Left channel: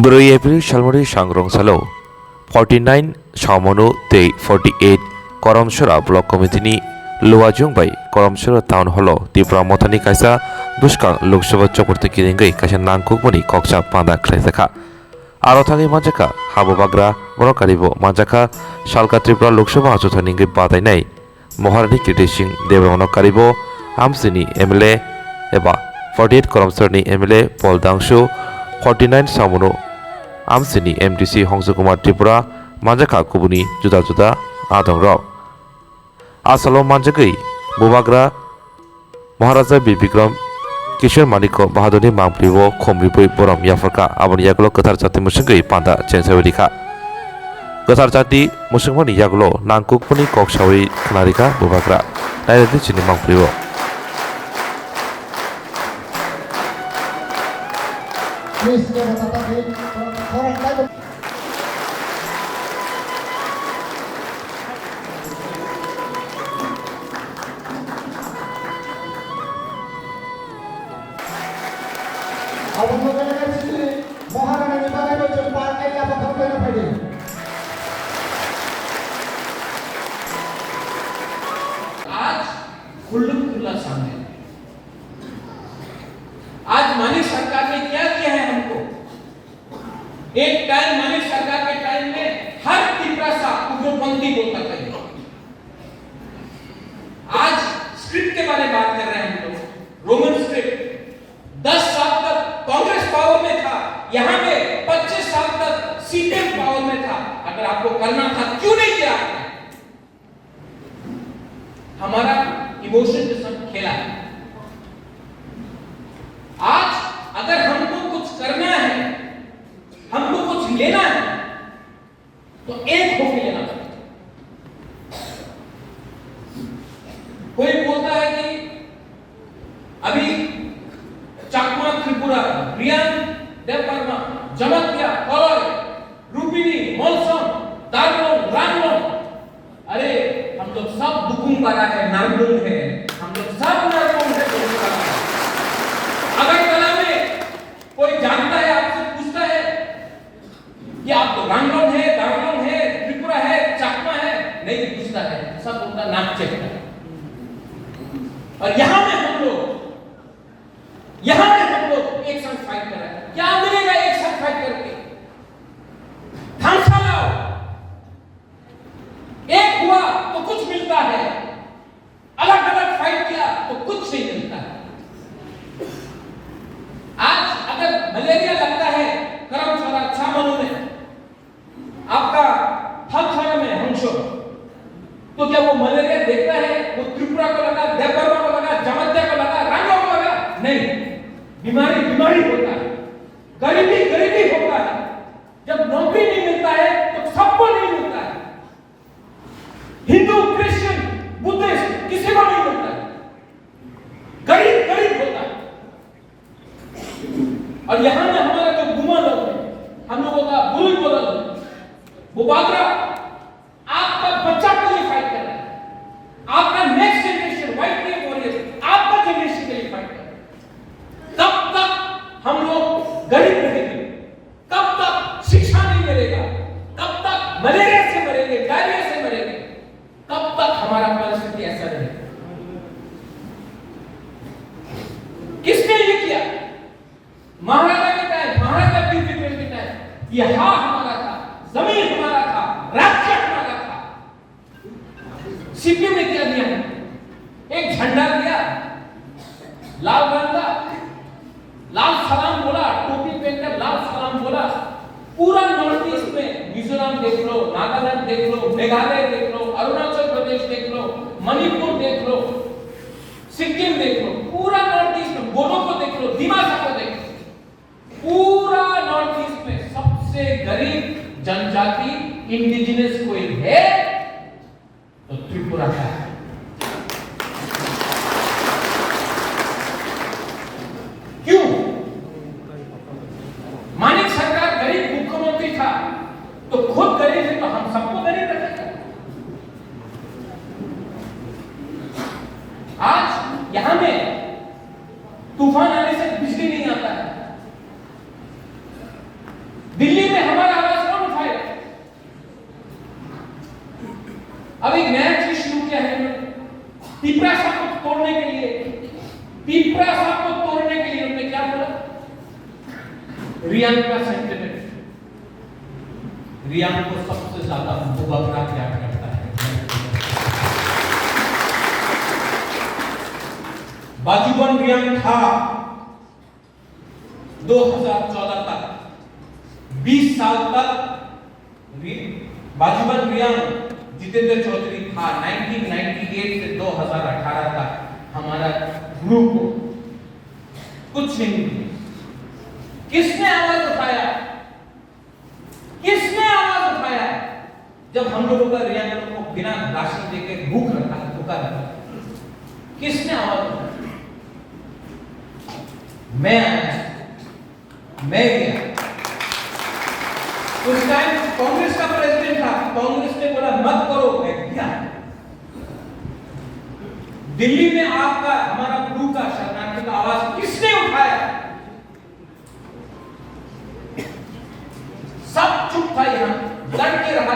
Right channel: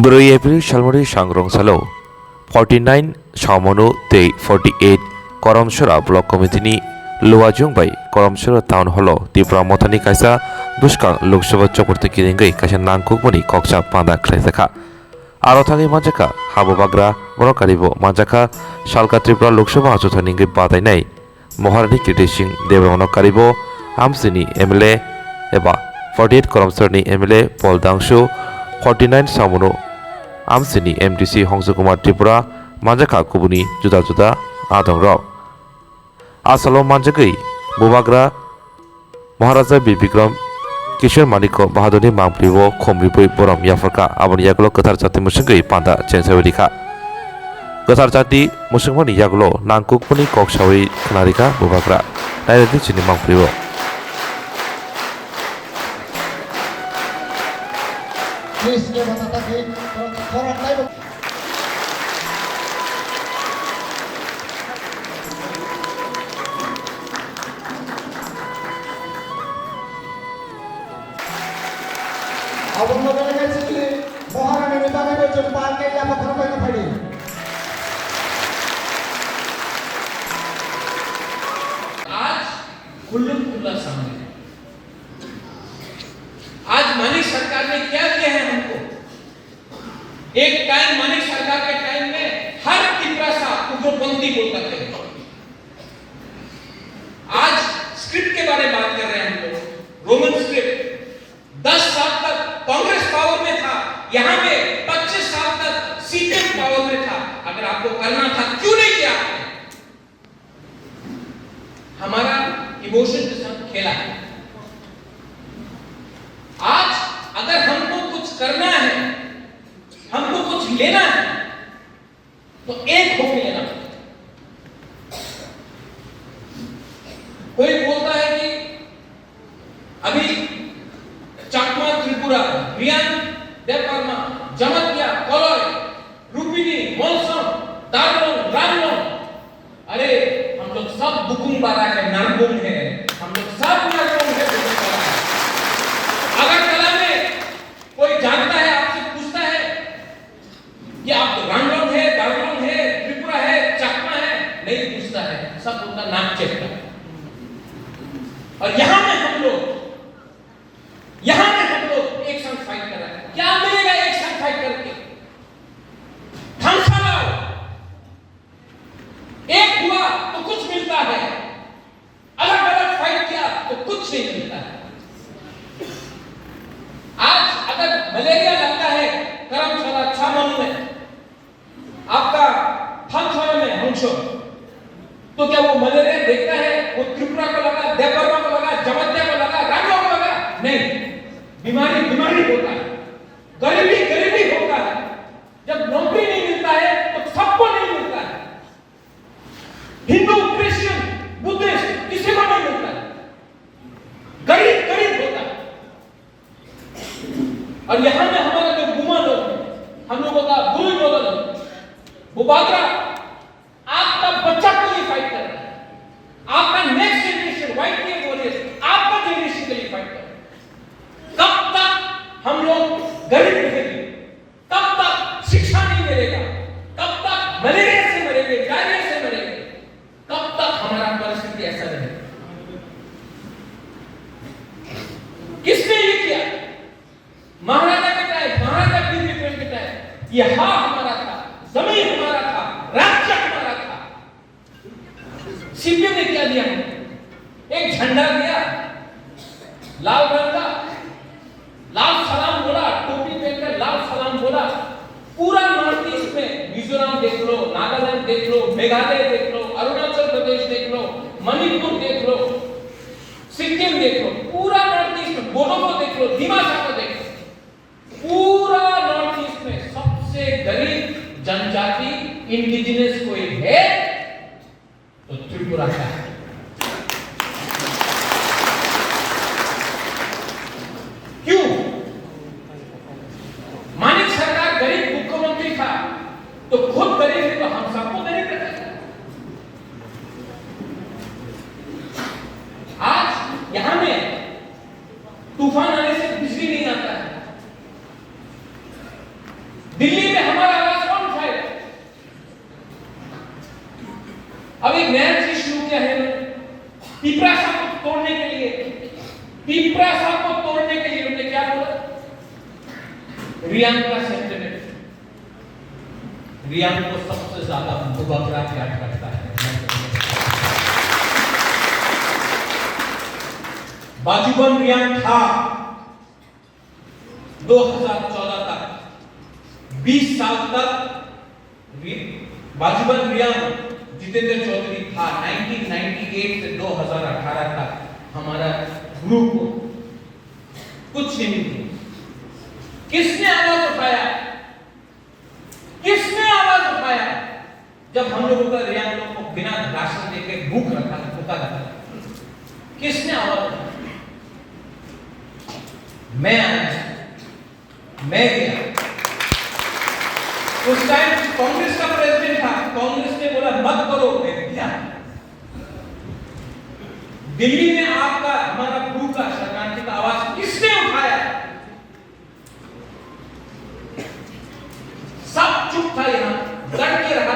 Brui April Shalmari Shangrong Salo 49 Shamonu Te 48 Koromshora Block Committee Luajung by Koromshora Town Hall Tipra Motani Kaisa Bushka Lokshava Chokurti Kiringai Kashan Nankukmani Kokcha Panda Kresaka Arothangi Majaka Habu Bagra Borokaribo Majaka Shalka Tripura Lokshava Ajotaningi Badainai Moharani Kitising Devono Karibo Amsini MLA Eba 48 Koromshorni MLA Paul Dangshu 49 Samono Amsini MDC Hongsukumar Tripura Manjaka Kubuni Juda Juda Adong Rao Asalo Manjagai Bubagra Maharaja Bibikram Kishore Maniko Bahadoni Mampribo Khomripui Boram Yafraka Abani Yagulo Katar Jati Musungai Panda Chensawirika Katar Jati Musungmani Yagulo Nangkukmani Koksawi Kanarika Bubagra Nairati Chini Mampribo Please give us a topic for a time. आज मानिक सरकार ने क्या किया है हमको एक time Manik सरकार के टाइम में हर तिपरासा उग्रपंथी बोलता थे आज स्क्रिप्ट के बारे में बात कर रहे हैं हम लोग रोमन स्क्रिप्ट 10 साल तक कांग्रेस पावर में था यहां पे 25 साल तक सीपीएम पावर में था अगर आपको करना था क्यों नहीं किया आपने हमारा इमोशन के साथ खेला है आज अगर हमको कुछ करना है हमको कुछ लेना है तो एक होके लेना पड़ेगा कोई बोलता है कि अभी चाकमा त्रिपुरा रियान देवपर्मा जमतिया कलय रूपिनी मौसम दारलोन रामलोन अरे हम लोग सब दुकुम्बारा है नरगुम है हम लोग सब नरगुम है अगर कला में कोई जानता है आपसे पूछता है कि आप तो रंगलोन है दारलोन है त्रिपुरा है चकमा है नहीं पूछता है सब बोलता नाक चेक और यहां में हम लोग एक साथ फाइट कर रहे हैं क्या मिलेगा एक साथ फाइट करके ढंग लाओ एक हुआ तो कुछ मिलता है अलग अलग फाइट किया तो कुछ नहीं मिलता है आज अगर मलेरिया लगता है करमशाला छामों में आपका थानखाने में हंसो तो क्या वो मलेरिया देखता है वो त्रिपुरा को लगा देवबर्मा को लगा जमतिया को लगा रांगो को लगा नहीं बीमारी होता है गरीबी होता है जब नौकरी नहीं मिलता है तो सबको नहीं मिलता है हिंदू क्रिश्चियन बुद्धिस्ट किसी को नहीं मिलता है गरीब होता है और यहां में हमारे जो गुमा लोग हैं हम लोगों का बुरी बोला वो बागरा आपका बच्चा के लिए फाइट कर रहा है आपका नेक्स्ट जनरेशन व्हाइट नहीं बोल रहे आपका जनरेशन के लिए फाइट कर रहा है कब तक हम लोग गरीब रहेंगे कब तक शिक्षा नहीं मिलेगा कब तक मलेरिया से मरेंगे डायरिया से मरेंगे कब तक हमारा परिस्थिति ऐसा रहेगा किसने ये किया महाराजा के टाइम महाराजा बीबीपुर के टाइम ये हाँ हमारा था जमीन हमारा था राज्य हमारा था सीपीएम ने क्या दिया एक झंडा दिया लाल रंग का लाल सलाम बोला टोपी पहनकर लाल सलाम बोला पूरा नॉर्थ ईस्ट में मिजोरम देख लो नागालैंड देख लो मेघालय देख लो अरुणाचल प्रदेश देख लो मणिपुर देख लो सिक्किम देख लो पूरा नॉर्थ ईस्ट में बोडो को देख लो दिमाग को देख लो पूरा नॉर्थ ईस्ट में सबसे गरीब जनजाति इंडिजिनस कोई है तो त्रिपुरा का है क्यों मानिक सरकार गरीब मुख्यमंत्री था तो खुद गरीब है तो हम सबको गरीब रखेगा आज यहां में तूफान आने से बिजली नहीं आता है दिल्ली में हमारा आवाज कौन उठाएगा? अब एक नया चीज शुरू किया है पिपरासा को तोड़ने के लिए। पिपरासा को तोड़ने के लिए उन्होंने क्या बोला? रियान का सेंटिमेंट, रियान को सबसे ज्यादा मुबकरा प्यार करता है। बाजूबन रियान था 2014 तक, 20 साल तक बाजूबन रियान जितेंद्र चौधरी था। 1998 से 2018 तक हमारा ग्रुप को कुछ नहीं मिला। किसने आवाज उठाया? किसने आवाज उठाया? जब हम लोगों का रियान लोगों को बिना राशन देके भूख रखा, किसने आवाज उठाया? मैं आया, मैं गया। उस टाइम कांग्रेस का प्रेसिडेंट था, कांग्रेस ने बोला मत करो, मैं गया। दिल्ली में आपका हमारा ग्रुप का शरणार्थी का आवाज किसने उठाया? सब चुप था, यहां लड़ के रहता।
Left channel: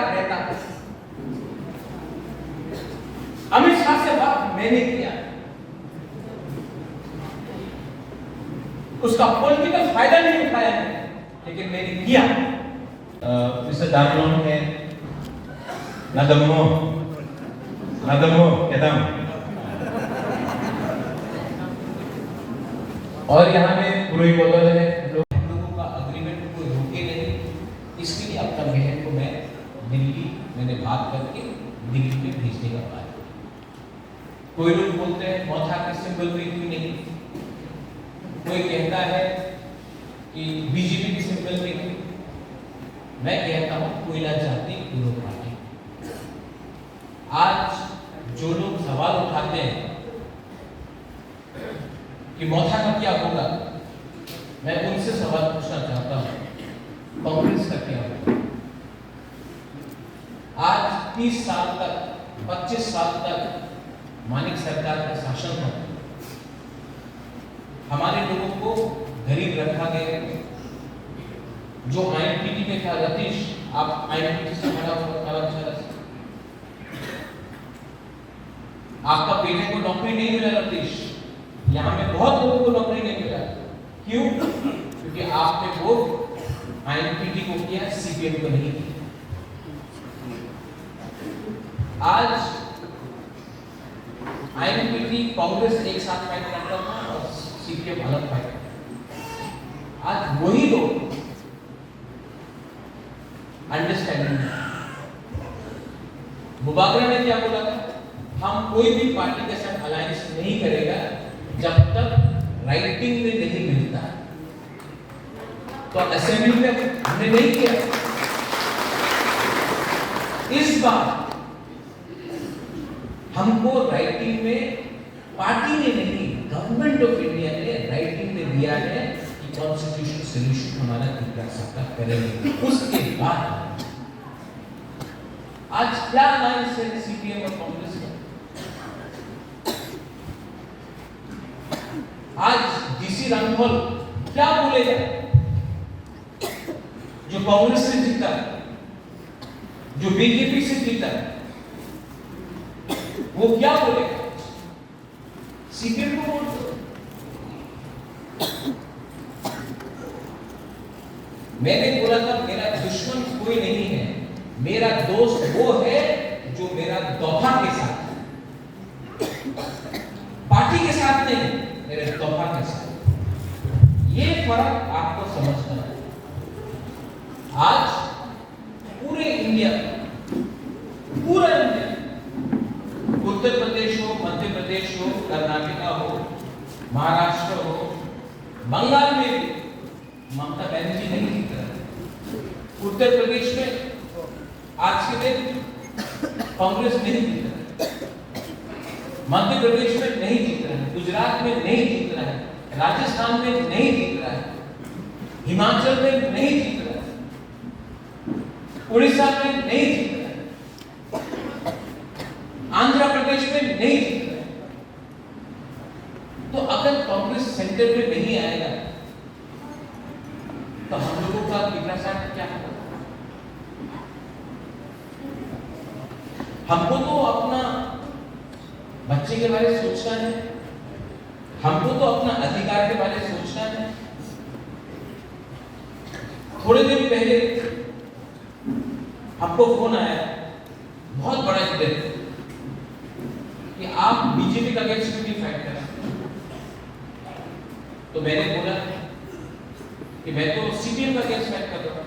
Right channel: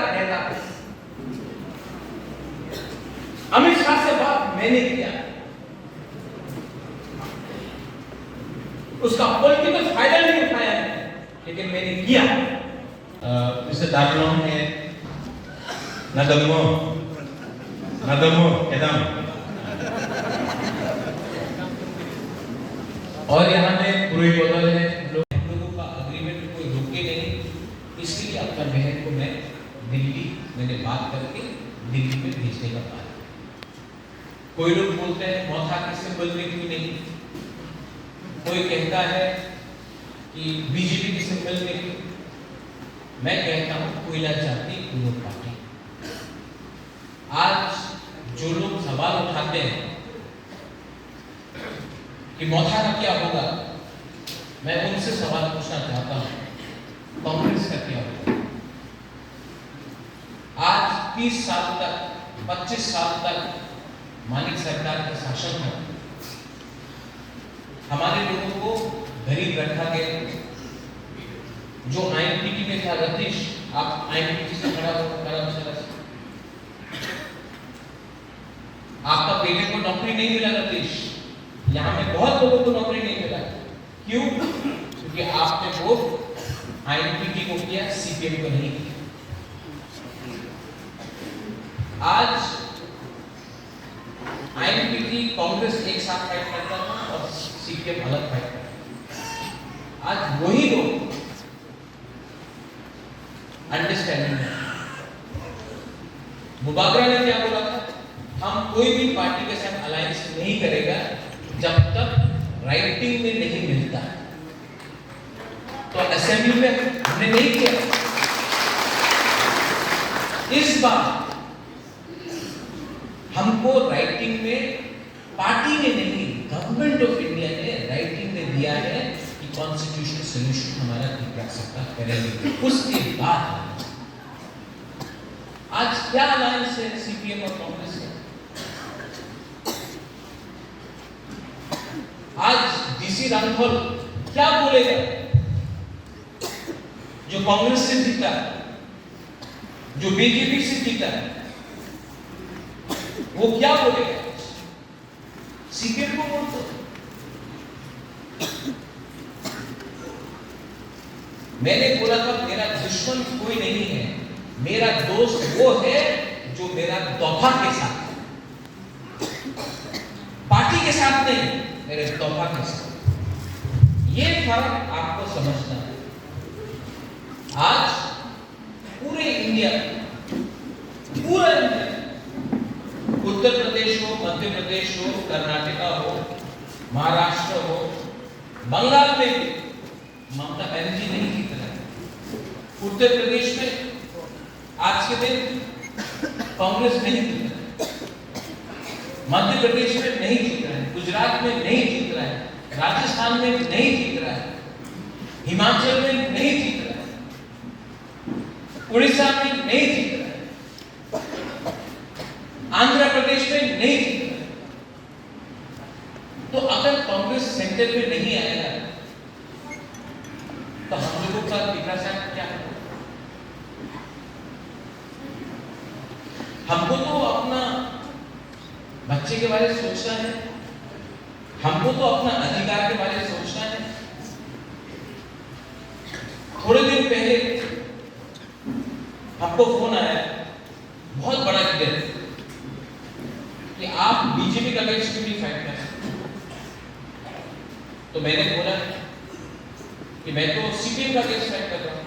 अमित शाह से बात मैंने किया, उसका पॉलिटिकल फायदा नहीं उठाया, लेकिन मैंने किया। Mr. Darlong है Nadamo Kedam। और यहाँ में पूरी बदल है, लोगों का अग्रीमेंट कोई रोके नहीं, इसलिए आपका बहन को मैं दिल्ली मैंने बात करके दिल्ली में भेजने का बात। कोई लोग बोलते हैं मौथा के सिंबल में क्यों नहीं, कोई कहता है कि बीजेपी के सिंबल में क्यों। मैं कहता हूं कोयला जाति पूर्व पार्टी। आज जो लोग सवाल उठाते हैं कि मौथा का क्या होगा, मैं उनसे सवाल पूछना चाहता हूं कांग्रेस का क्या होगा? आज 30 साल तक 25 साल तक मानिक सरकार का शासन हो, हमारे लोगों को गरीब रखा गया। जो आईएनपीटी में था रतीश, आप आईएनपीटी से खड़ा होकर आपका बेटे को नौकरी नहीं मिला रतीश, यहाँ में बहुत लोगों को नौकरी नहीं मिला। क्यों? क्योंकि आपने वोट आईएनपीटी को किया, सीपीएम को नहीं किया। आज आईएनपीटी कांग्रेस एक साथ फाइट करता था और सीपीएम अलग फाइट करता। आज वही लोग अंडरस्टैंडिंग है। मुबाकरा ने क्या बोला था? हम कोई भी पार्टी के साथ अलायंस नहीं करेगा जब तक राइटिंग में नहीं मिलता। तो असेंबली में हमने नहीं किया। इस बार हमको राइटिंग में, पार्टी ने नहीं, गवर्नमेंट ऑफ इंडिया ने राइटिंग में दिया है कि कॉन्स्टिट्यूशनल सॉल्यूशन हमारा क्या सकता करेंगे। उसके बाद आज क्या अलायंस है सीपीएम और कांग्रेस का? आज डीसी रामफल क्या बोलेगा? जो कांग्रेस से जीता, जो बीजेपी से जीता, वो क्या बोलेगा? सीपीएम को वोट दो। मैंने बोला था मेरा दुश्मन कोई नहीं है, मेरा दोस्त वो है जो मेरा तोहफा के साथ, पार्टी के साथ नहीं, मेरे तोहफा के साथ। ये फर्क आपको समझना है। आज पूरे इंडिया, पूरा इंडिया, उत्तर प्रदेश हो, मध्य प्रदेश हो, कर्नाटका हो, महाराष्ट्र हो, बंगाल में भी ममता बनर्जी नहीं जीत रहा है। उत्तर प्रदेश में आज के दिन कांग्रेस नहीं जीत रहा है, मध्य प्रदेश में नहीं जीत रहा है, गुजरात में नहीं जीत रहा है, राजस्थान में नहीं जीत रहा है, हिमाचल में नहीं जीत रहा है, उड़ीसा में नहीं जीत रहा है, आंध्र प्रदेश में नहीं जीत रहा है। तो अगर कांग्रेस सेंटर में नहीं आएगा तो हम लोगों का दिखा हमको तो अपना बच्चे के बारे में सोचना है, हमको तो अपना अधिकार के बारे में सोचना है। थोड़े दिन पहले हमको फोन आया, बहुत बड़ा हिडन, कि आप बीजेपी का अगेंस्ट क्यों नहीं फाइट कर सकते। तो मैंने बोला कि मैं तो सीपीएम का अगेंस्ट फाइट कर रहा हूं।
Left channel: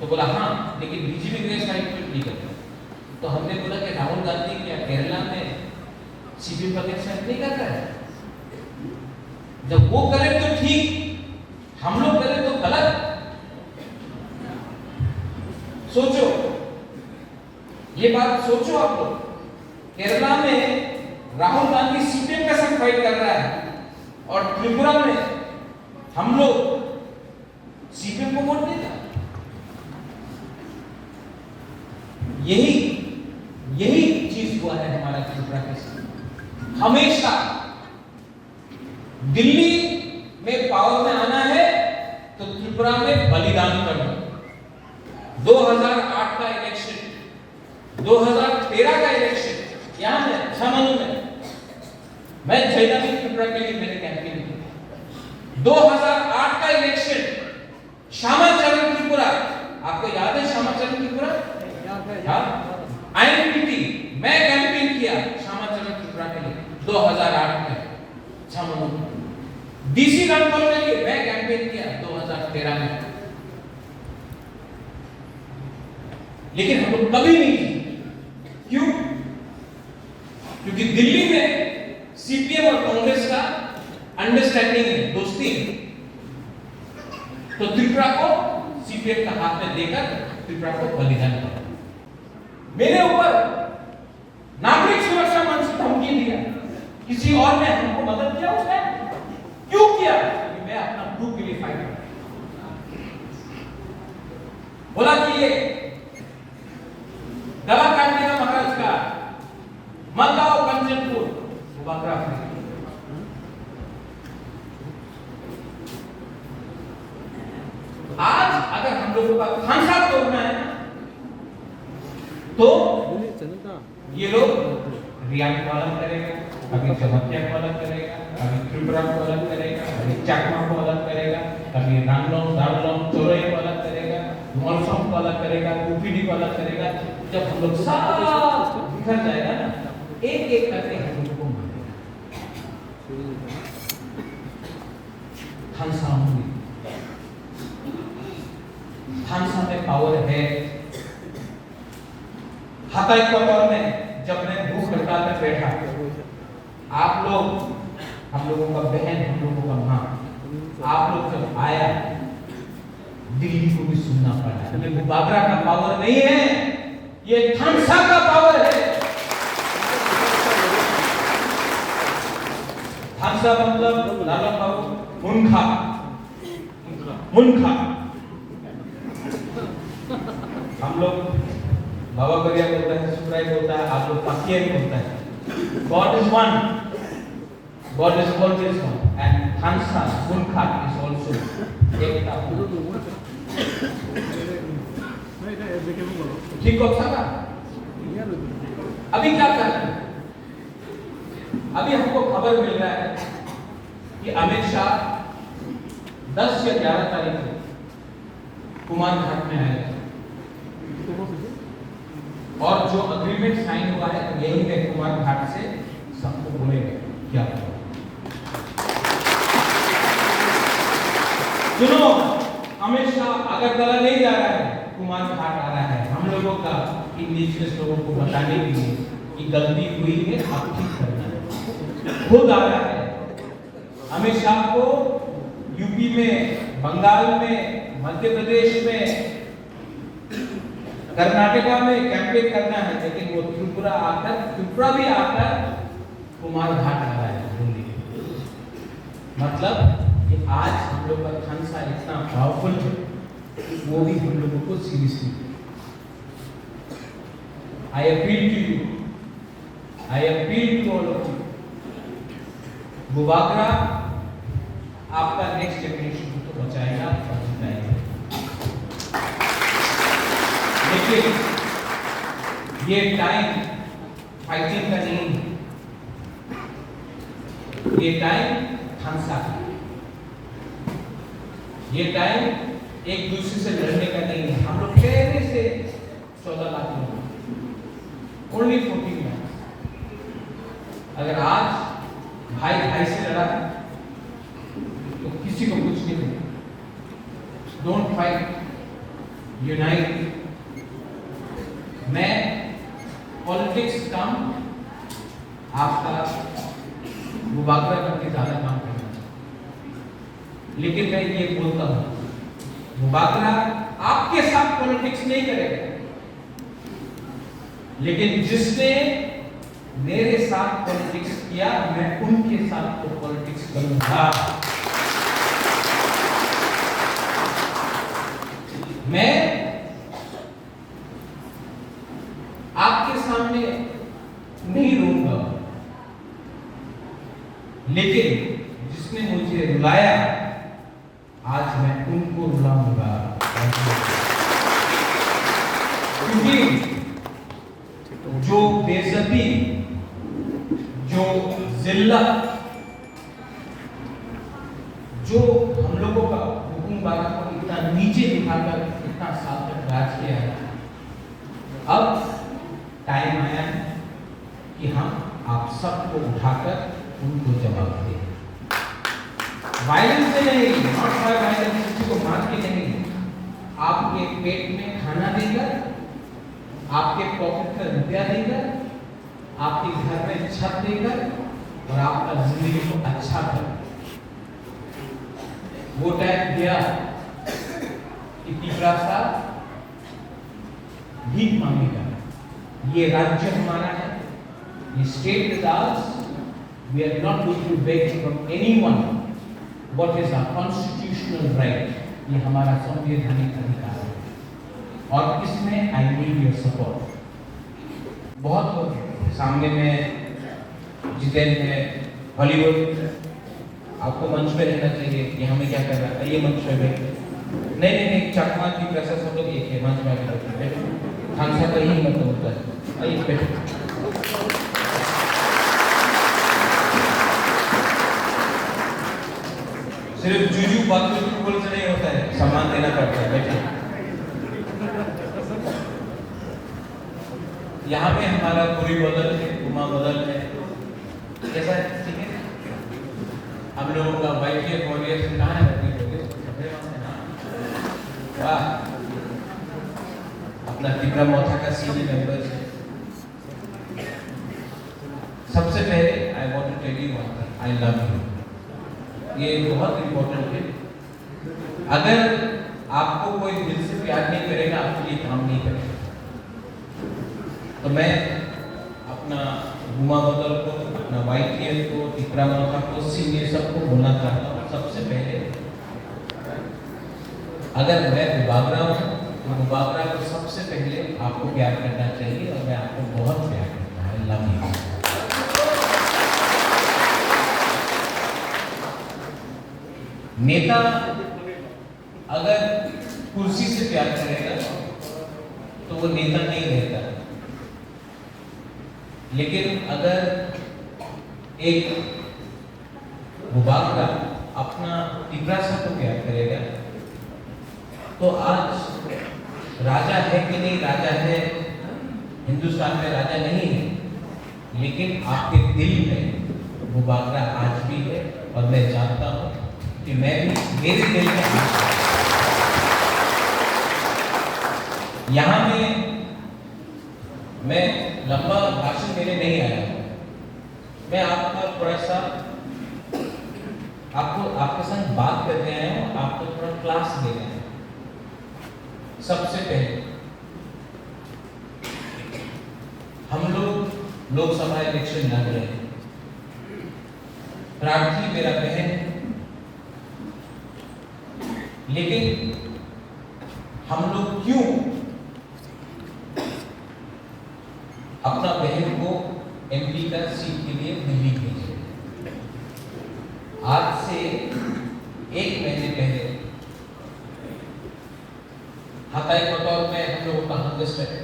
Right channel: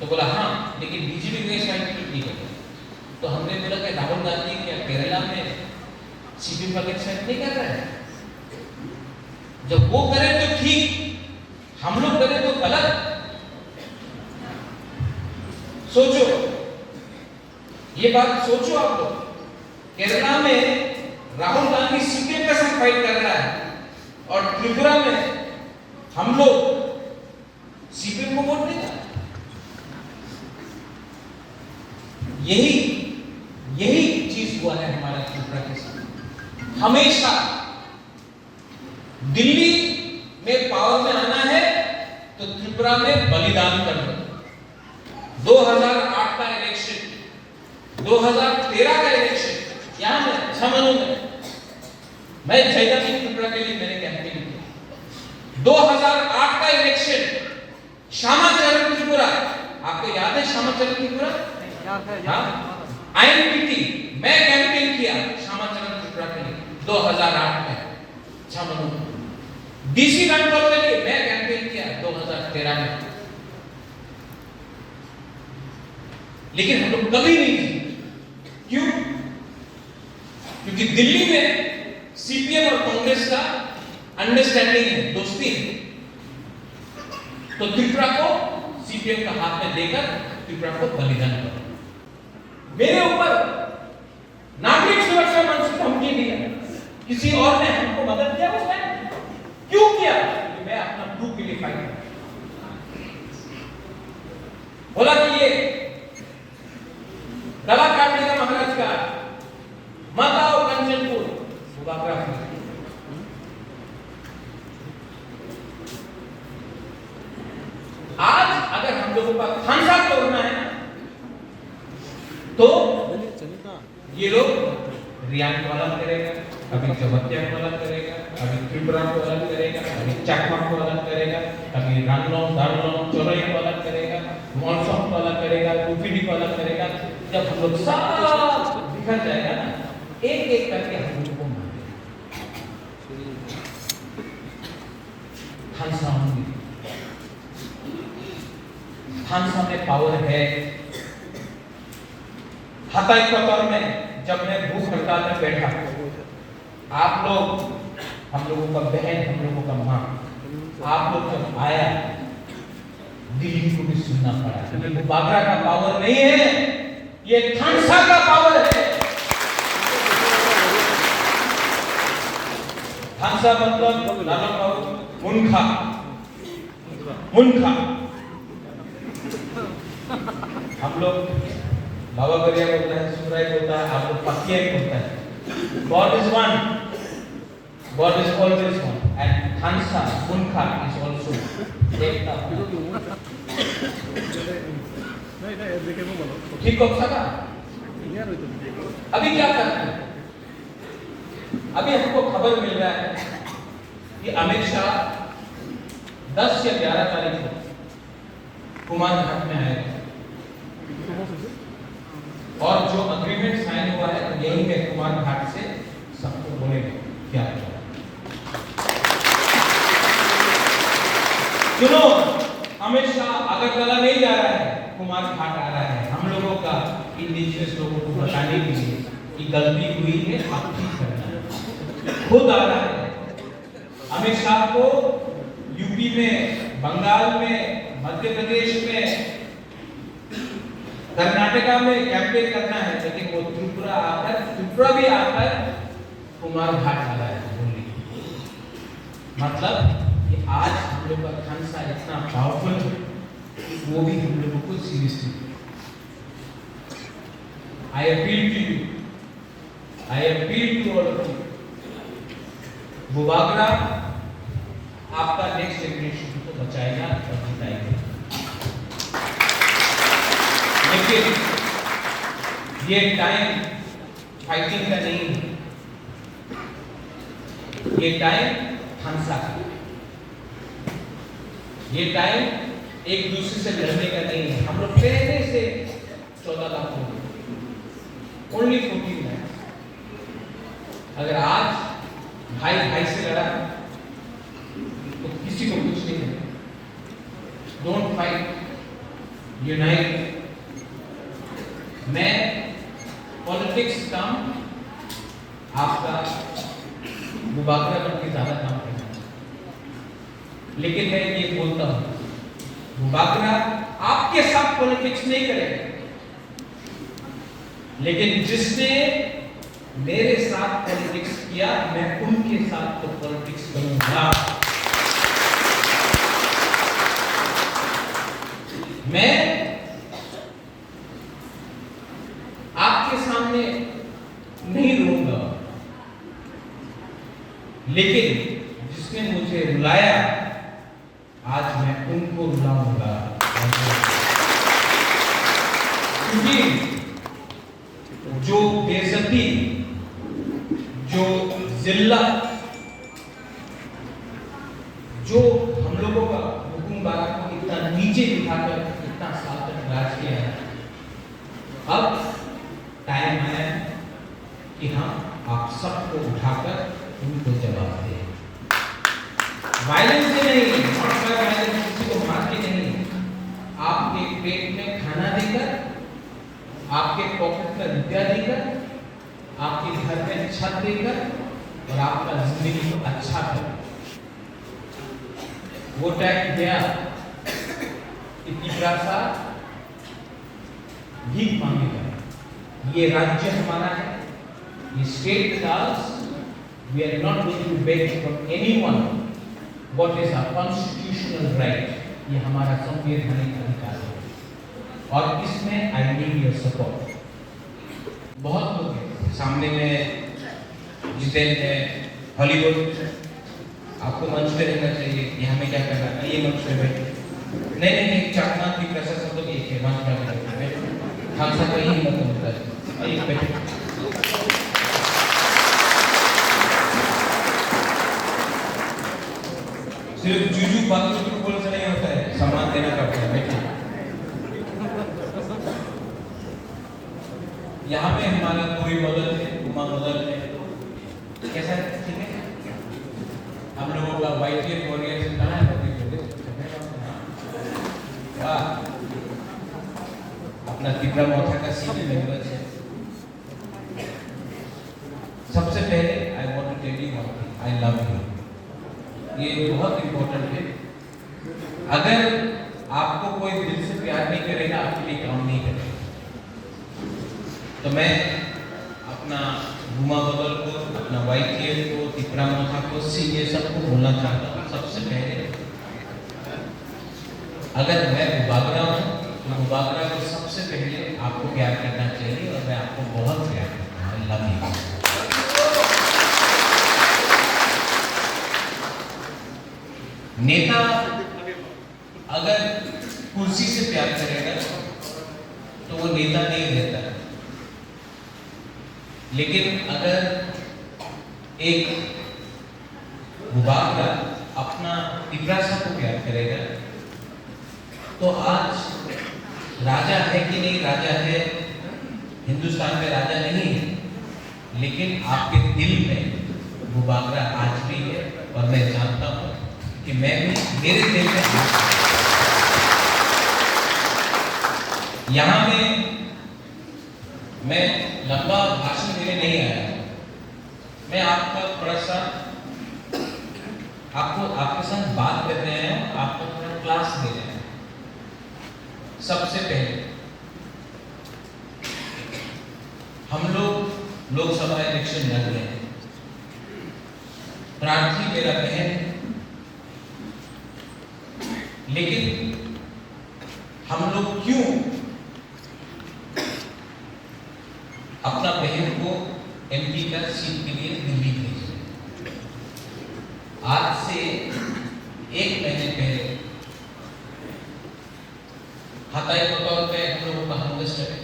तो बोला हाँ, लेकिन बीजेपी के अगेंस्ट फाइट नहीं करता। तो हमने बोला कि राहुल गांधी क्या केरला में सीपीएम का अगेंस्ट फाइट नहीं कर रहा है? जब वो करे तो ठीक, हम लोग करें तो गलत। सोचो, ये बात सोचो आप लोग। केरला में राहुल गांधी सीपीएम के साथ फाइट कर रहा है और त्रिपुरा में हम लोग सीपीएम को वोट देगा। यही चीज हुआ है हमारा त्रिपुरा के साथ। हमेशा दिल्ली में पावर में आना है तो त्रिपुरा में बलिदान करना। 2008 का इलेक्शन, 2013 का इलेक्शन, यहाँ में छामनू में मैं जयदानी त्रिपुरा के लिए मैंने कैंपेन की। 2008 का इलेक्शन श्यामाचरण त्रिपुरा, आपको याद है श्यामाचरण त्रिपुरा? हाँ, आईएनपीटी मैं कैंपेन किया श्यामाचरण त्रिपुरा के लिए 2008 में छामनू में। डीसी रणपल के लिए मैं कैंपेन किया 2013 में। लेकिन हम लोग कभी नहीं जीते। क्यों? क्योंकि दिल्ली में सीपीएम और कांग्रेस का अंडरस्टैंडिंग है, दोस्ती है। तो त्रिपुरा को सीपीएम का हाथ में देकर त्रिपुरा को बलिदान करा। मेरे ऊपर नागरिक सुरक्षा मंच ने धमकी दिया, किसी और ने हमको मदद किया उसने? क्यों किया? मैं अपना ग्रुप के लिए फाइट कर, बोला कि ये गला काटने का महाराज का मत आओ कंचनपुर, आज अगर हम लोगों का खानसा तोड़ना है तो ये लोग रियान को अलग करेगा, कभी जबतिया को अलग करेगा, कभी त्रिपुरा को अलग करेगा, कभी चकमा को अलग करेगा, कभी रानलोंग दारलोंग चोरई को अलग करेगा, मॉनसोन को अलग करेगा, कुपीडी को अलग करेगा। जब हम लोग सब बिखर जाएगा ना, एक एक करके हम लोग को मारेगा। थानसा में पावर है। हाथा इक्वाटोर में जब मैं भूख हड़ताल में बैठा, आप लोग, हम लोगों का बहन, हम लोगों का मां, आप लोग जब आया, दिल्ली को भी सुनना पड़ा। ये बागरा का पावर नहीं है, ये थानसा का पावर है। थानसा मतलब लाला बाबू मुनखा, मुनखा। हम लोग बाबा गरिया बोलते हैं, सुराई बोलता है, आप लोग पाकियाई बोलता है। God is one, God is always one, and Thansa, Munkha is also एकता। ठीक हो सका? अभी क्या करते हैं? अभी हमको खबर मिल रहा है कि अमित शाह 10 या 11 तारीख को कुमारघाट में आएगा और जो अग्रीमेंट साइन हुआ है तो यही है, कुमारघाट से सबको बोलेगा क्या है। सुनो, अमित शाह अगरतला नहीं जा रहा है, कुमारघाट आ रहा है। हम लोगों का, इंडिजिनियस लोगों को बताने के लिए कि गलती हुई है, आप ठीक करना। खुद आ रहा है। अमित शाह को यूपी में, बंगाल में, मध्य प्रदेश में, कर्नाटका में कैंपेन करना है, लेकिन वो त्रिपुरा भी आकर कुमारघाट आ रहा है बोली। मतलब कि आज हम लोग का खानसा इतना पावरफुल है कि वो भी हम लोगों को seriously. I appeal to you, I appeal to all of you, वो बागरा आपका नेक्स्ट जनरेशन को बचाएगा और जिताएगा। लेकिन ये टाइम फाइटिंग का नहीं है, ये टाइम थांसा का है। ये टाइम एक दूसरे से लड़ने का नहीं है। हम लोग पहले से 14 लाख लोग, ओनली 14 लाख। अगर आज भाई भाई से लड़ा तो किसी को कुछ नहीं मिलेगा। Don't fight, unite. मैं पॉलिटिक्स कम, आपका मुबाकरा करके ज्यादा काम करना, लेकिन मैं ये बोलता हूं मुबाकरा आपके साथ पॉलिटिक्स नहीं करेगा, लेकिन जिसने मेरे साथ पॉलिटिक्स किया मैं उनके साथ तो पॉलिटिक्स करूंगा। मैं आपके सामने नहीं रोऊंगा, लेकिन जिसने मुझे रुलाया आज मैं उनको रुलाऊंगा। क्योंकि जो बेइज्जती, जो जिल्लत, जो हम लोगों का हुक्मरान को इतना नीचे दिखाकर इतना साल तक राज किया है, अब टाइम आया है कि हम आप सबको उठाकर उनको जवाब दें। वायलेंस से नहीं, नॉट बाय वायलेंस, किसी को मार के नहीं, आपके पेट में खाना देकर, आपके पॉकेट में रुपया देकर, आपके घर में छत देकर और आपका जिंदगी को अच्छा कर। वो टैक्स दिया कि तीसरा साल भीख मांगेगा। ये राज्य हमारा है, ये state is ours. We are not going to beg from anyone what is our constitutional right. ये हमारा संवैधानिक अधिकार है और इसमें I need your support. बहुत हो गया सामने में जितेंद्र है, हॉलीवुड, आपको मंच पे रहना चाहिए कि हमें क्या करना है, ये मंच पे बैठे। नहीं, चकमा की प्रशंसा सब लोग एक है, मंच पे बैठे, हम सब यही मत होता है, एक बैठे। सिर्फ जुजू बातों को बोल से नहीं होता है, सम्मान देना पड़ता है। बैठे यहाँ पे हमारा पूरी बदल है, उमा बदल है, कैसा है? ठीक है, हम लोगों का वाइट वॉरियर से कहाँ है? वाह, अपना तिब्रा मोथा का सीनियर मेंबर है। सबसे पहले I want to tell you one thing, I love you. ये बहुत इंपॉर्टेंट है। अगर आपको कोई दिल से प्यार नहीं करेगा, आपके लिए काम नहीं करेगा। तो मैं अपना गुमा बदल को, अपना वाईटीएल को, तिपरा मोथा को, सीनियर सबको बोलना चाहता हूँ। सबसे पहले अगर मैं मुबागरा हूँ तो मुबागरा को सबसे पहले आपको प्यार करना चाहिए और मैं आपको बहुत प्यार करता हूँ। Love you. नेता अगर कुर्सी से प्यार करेगा तो वो नेता नहीं रहता, लेकिन अगर एक मुबागरा अपना तिब्रासा को प्यार करेगा तो आज राजा है कि नहीं राजा है, हिंदुस्तान में राजा नहीं है, लेकिन आपके दिल में मुबागरा आज भी है। और मैं जानता हूँ कि मैं भी मेरे दिल में यहाँ में मैं लंबा भाषण देने नहीं आया, मैं आपका थोड़ा सा आपके साथ बात करने आया हूँ, आपको थोड़ा क्लास दे रहे हैं। सबसे पहले हम लोग लोकसभा इलेक्शन लड़ रहे हैं, प्रार्थी मेरा बहन है, लेकिन हम लोग क्यों अपना बहन को एमपी का सीट के लिए दिल्ली भेजे? आज से 1 महीने पहले हताई बतौर में हम लोगों का हार्वेस्टर है,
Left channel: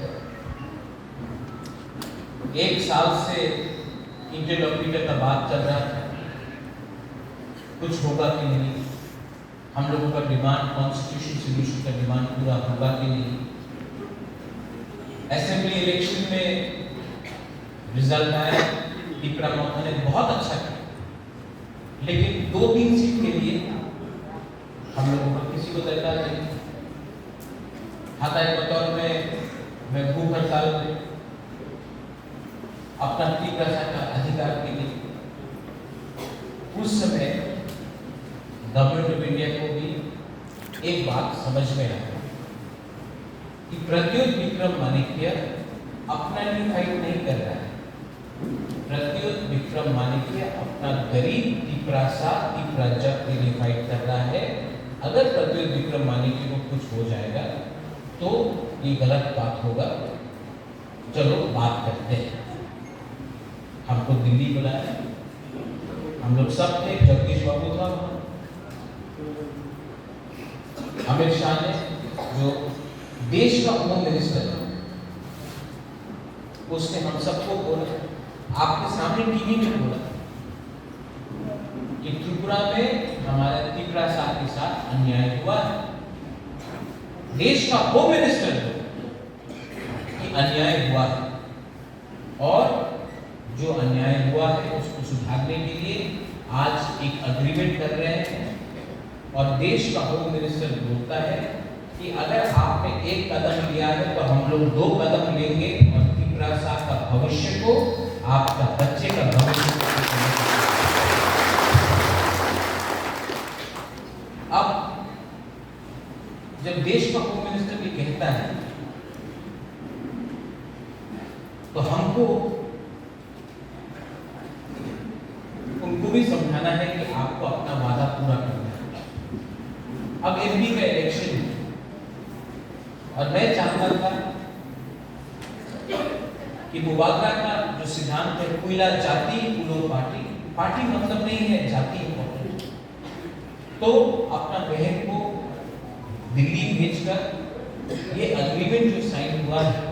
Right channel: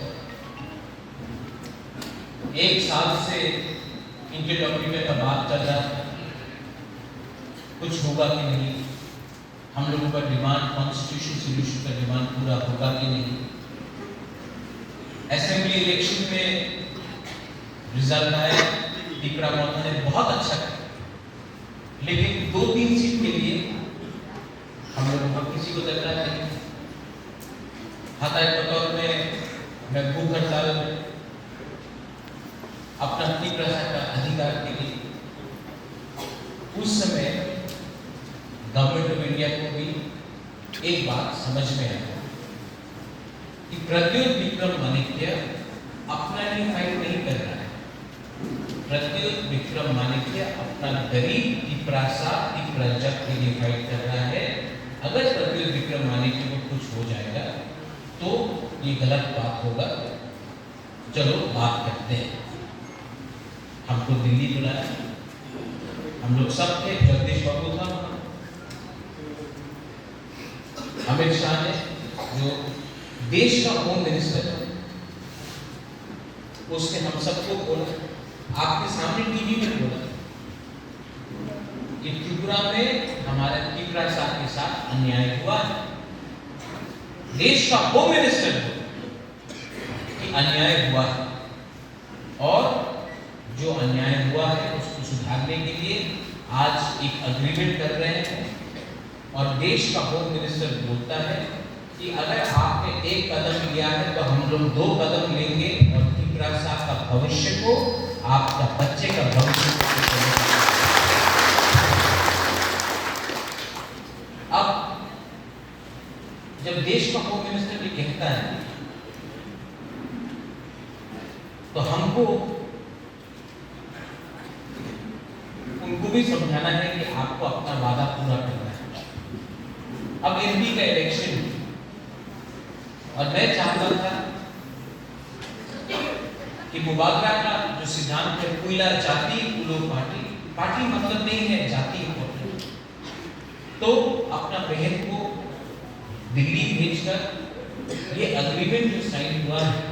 एक साल से इंटरलॉकिंग का बात चल रहा था, कुछ होगा कि नहीं, हम लोगों का डिमांड कॉन्स्टिट्यूशन सोल्यूशन का डिमांड पूरा होगा कि नहीं। असेंबली इलेक्शन में रिजल्ट आया, टिपरा मोहता ने बहुत अच्छा किया, लेकिन 2-3 सीट के लिए हम लोगों का किसी को दरकार नहीं। हाथाई बतौर में मैं भूख हड़ताल अपना टिपरा का अधिकार के लिए, उस समय गवर्नमेंट ऑफ इंडिया को भी एक बात समझ में आया कि प्रद्युत विक्रम माणिक्य अपना ही फाइट नहीं कर रहा है। प्रद्युत विक्रम माणिक्य अपना गरीब टिपरासा टिपराजक के लिए फाइट कर रहा है। अगर प्रद्युत विक्रम माणिक्य को कुछ हो जाएगा तो ये गलत बात होगा। चलो बात करते हैं। हमको दिल्ली बुलाया, हम लोग सब थे, जगदीश बाबू था, अमित शाह ने, जो देश का होम मिनिस्टर है, उसने हम सबको बोला, आपके सामने टीवी में बोला कि त्रिपुरा में हमारे टिपरासा के साथ अन्याय हुआ है। देश का होम मिनिस्टर कि अन्याय हुआ है और जो अन्याय हुआ है उसको सुधारने के लिए आज एक अग्रीमेंट कर रहे हैं। और देश का होम मिनिस्टर बोलता है कि अगर आपने एक कदम लिया है तो हम लोग 2 कदम लेंगे और टिपरासा का भविष्य को, आपका बच्चे का भविष्य को। अब जब देश का होम मिनिस्टर ये कहता है तो हमको उनको भी समझाना है कि आपको अपना वादा पूरा करना है। अब एमपी का इलेक्शन और मैं चाहता था कि मुबारका का जो सिद्धांत है, कोयला जाति कुलो पार्टी, पार्टी मतलब नहीं है, जाति इंपॉर्टेंट, तो अपना बहन को दिल्ली भेजकर ये अग्रीमेंट जो साइन हुआ है